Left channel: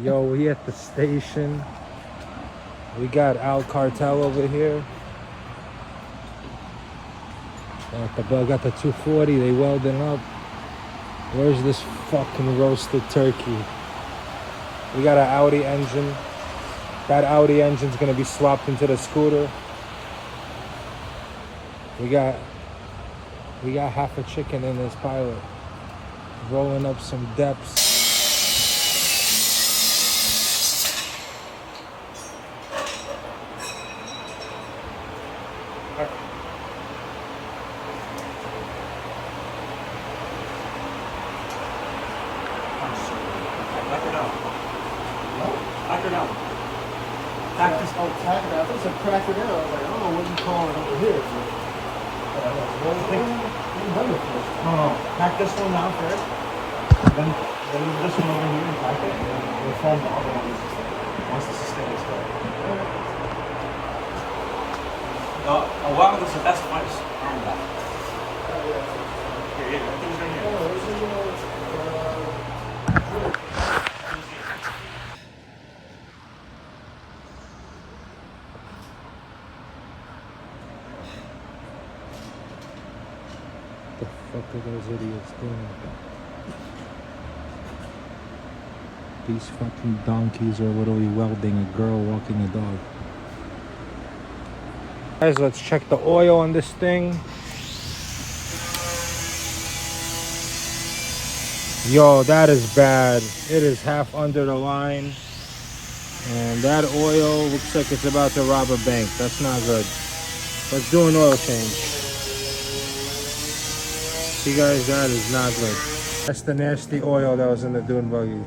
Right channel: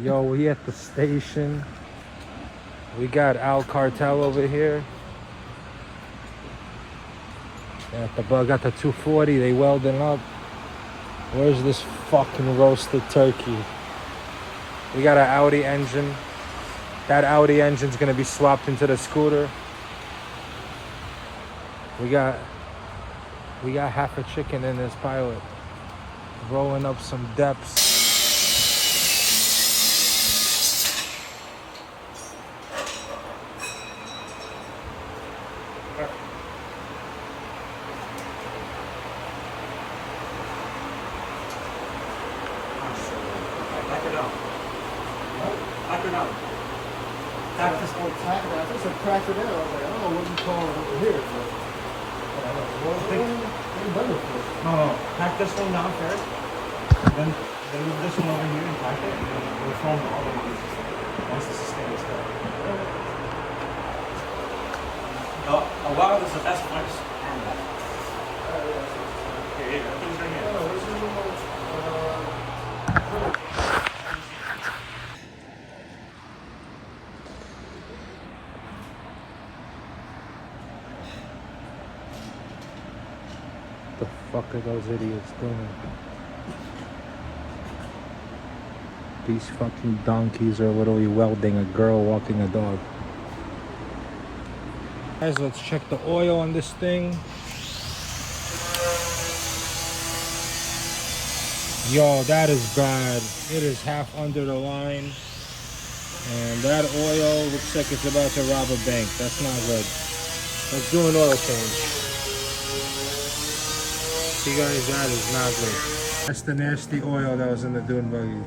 Yo, we at the station. We got Al Cartel over here. Got the 240, they welding up. Where's this fucking roasted turkey? We got an Audi engine. That Audi engine's gonna be swapped into the scooter. We got half a chicken in this pilot. Rolling up some depths. Crack it out. I was like, I don't know what you call it over here. No, pack this one down first. Then this one over here and pack it, and then we'll foam the other ones once the sustain is good. A while was the best punch and back. Here, everything's right here. What the fuck are those idiots doing? These fucking donkeys are literally welding a girl walking a dog. Guys, let's check the oil on this thing. Yo, that is bad. It is half under the line. And that oil looks like it's about to rob a bank. That's not good. Let's do an oil change. See guys, that is not good. That's the nasty oil that was in the Dune buggy.